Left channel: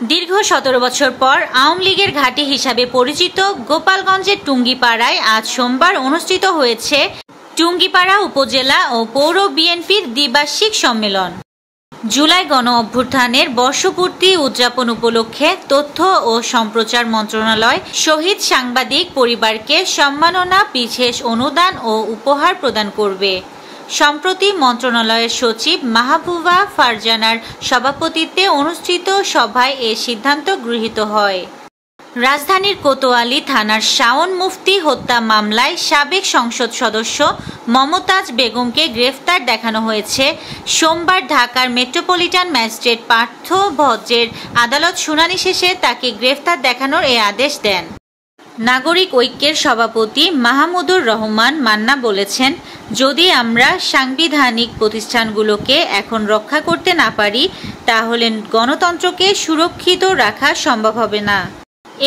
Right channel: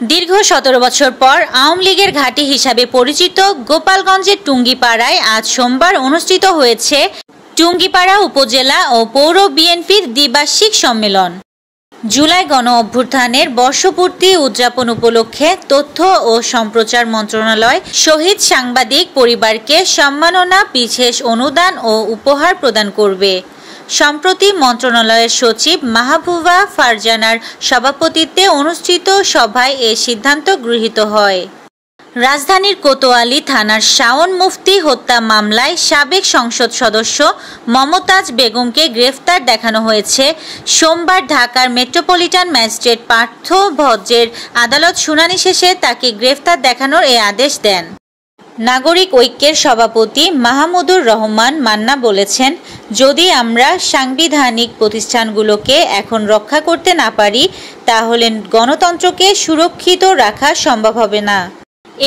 দীর্ঘ ১৭ বছর পর আওয়ামী লীগের ঘাঁটি হিসাবে পরিচিত গোপালগঞ্জের টুঙ্গিপাড়ায় আজ সোমবার অনুষ্ঠিত হয়েছে টুঙ্গিপাড়া উপজেলা ও পৌর বিএনপির দ্বিবার্ষিক সম্মেলন। জুলাই গণ অভ্যুত্থানের বর্ষপূর্তি উদযাপন উপলক্ষে তথ্য ও সম্প্রচার মন্ত্রণালয় শহীদ সাংবাদিক পরিবারকে সম্মাননা, বিশেষ অনুদান ও উপহার প্রদান করবে। সম্প্রতি মন্ত্রণালয়ের সচিব মাহবুবা ফারজানার সভাপতিত্বে অনুষ্ঠিত সভায় এ সিদ্ধান্ত গৃহীত হয়। রাজধানীর কোতোয়ালি থানার শাওন মুফতি হত্যা মামলায় সাবেক সংসদ সদস্য মমতাজ বেগমকে গ্রেফতার দেখানো হয়েছে। সোমবার ঢাকার মেট্রোপলিটন ম্যাজিস্ট্রেট পার্থ ভজ্রের আদালত শুনানি শেষে তাকে গ্রেফতার দেখানোর এ আদেশ দেন। নাগরিক ঐক্যের সভাপতি মাহমুদুর রহমান মান্না বলেছেন, যদি আমরা সাংবিধানিক প্রতিষ্ঠানগুলোকে এখন রক্ষা করতে না পারি, তাহলে গণতন্ত্রকে সুরক্ষিত রাখা সম্ভব হবে না।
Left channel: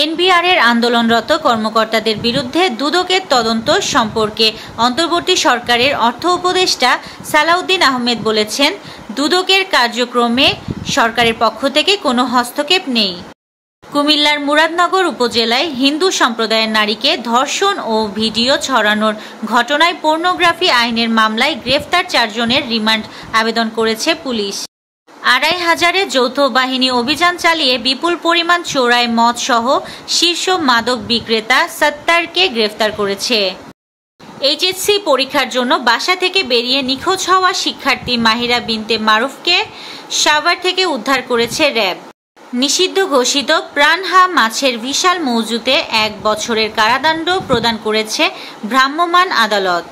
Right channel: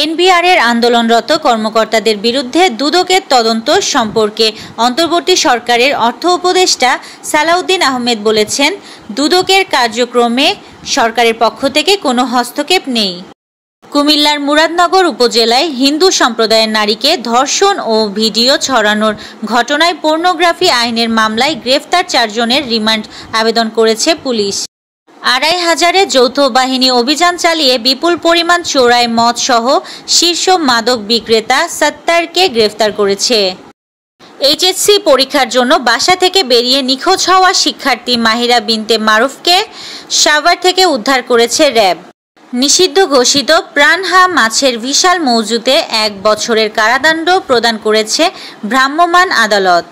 এনবিআরের আন্দোলনরত কর্মকর্তাদের বিরুদ্ধে দুদকের তদন্ত সম্পর্কে অন্তর্বর্তী সরকারের অর্থ উপদেষ্টা সালাউদ্দিন আহমেদ বলেছেন, দুদকের কার্যক্রমে সরকারের পক্ষ থেকে কোনো হস্তক্ষেপ নেই। কুমিল্লার মুরাদনগর উপজেলায় হিন্দু সম্প্রদায়ের নারীকে ধর্ষণ ও ভিডিও ছড়ানোর ঘটনায় পর্নোগ্রাফি আইনের মামলায় গ্রেফতার ৪ জনের রিমান্ড আবেদন করেছে পুলিশ। ২৫০০-এর যৌথ বাহিনী অভিযান চালিয়ে বিপুল পরিমাণ চোরাই মদ সহ শীর্ষ মাদক বিক্রেতা সত্তারকে গ্রেফতার করেছে। এইচএসসি পরীক্ষার জন্য বাসা থেকে বেরিয়ে নিখোঁজ হওয়া শিক্ষার্থী মাহিরা বিনতে মারুফকে সাভার থেকে উদ্ধার করেছে র্যাব। নিষিদ্ধ ঘোষিত প্রাণহা মাছের বিশাল মজুতে ১ বছরের কারাদণ্ড প্রদান করেছে ভ্রাম্যমাণ আদালত।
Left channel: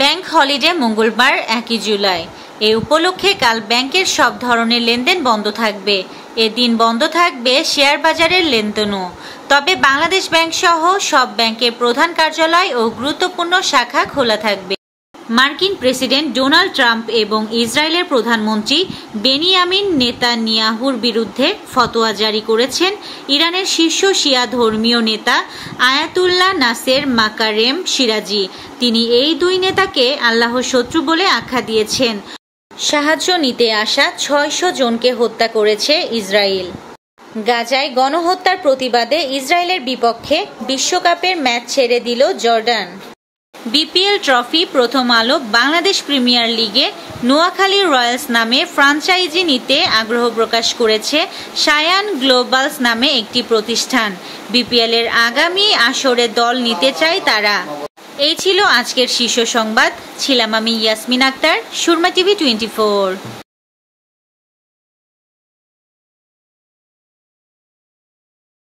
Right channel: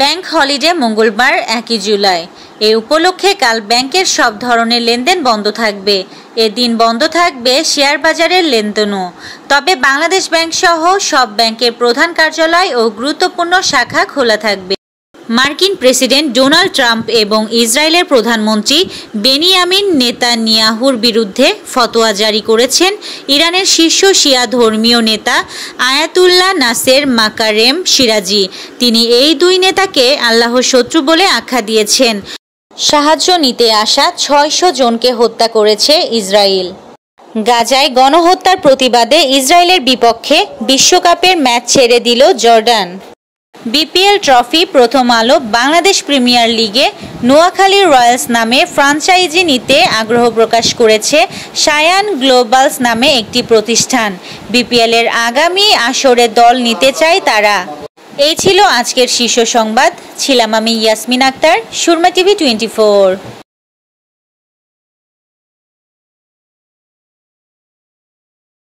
ব্যাংক হলিডে মঙ্গলবার ১ জুলাই। এ উপলক্ষে কাল ব্যাংকের সব ধরনের লেনদেন বন্ধ থাকবে। এদিন বন্ধ থাকবে শেয়ার বাজারের লেনদেনও। তবে বাংলাদেশ ব্যাংক সহ সব ব্যাংকের প্রধান কার্যালয় ও গুরুত্বপূর্ণ শাখা খোলা থাকবে। মার্কিন প্রেসিডেন্ট ডোনাল্ড ট্রাম্প এবং ইসরায়েলের প্রধানমন্ত্রী বেনিয়ামিন নেতানিয়াহুর বিরুদ্ধে ফতোয়া জারি করেছেন ইরানের শীর্ষ শিয়া ধর্মীয় নেতা আয়াতুল্লাহ নাসের মাকারেম সিরাজি। তিনি এই দুই নেতাকে আল্লাহর শত্রু বলে আখ্যা দিয়েছেন। সাহায্য নিতে আসা ৬০০ জনকে হত্যা করেছে ইসরায়েল। গাজায় গণহত্যার প্রতিবাদে ইসরায়েলের বিপক্ষে বিশ্বকাপের ম্যাচ ছেড়ে দিল জর্ডান। বিপিএল ট্রফি প্রথম আলো বাংলাদেশ প্রিমিয়ার লিগে নোয়াখালী রয়্যালস নামে ফ্র্যাঞ্চাইজি নিতে আগ্রহ প্রকাশ করেছে সায়ান গ্লোবালস নামে একটি প্রতিষ্ঠান। বিপিএলের আগামী আসরে দল নিতে চায় তারা। এই ছিল আজকের শীর্ষ সংবাদ। ছিলাম আমি ইয়াসমিন আক্তার, সুরমা টিভি 24।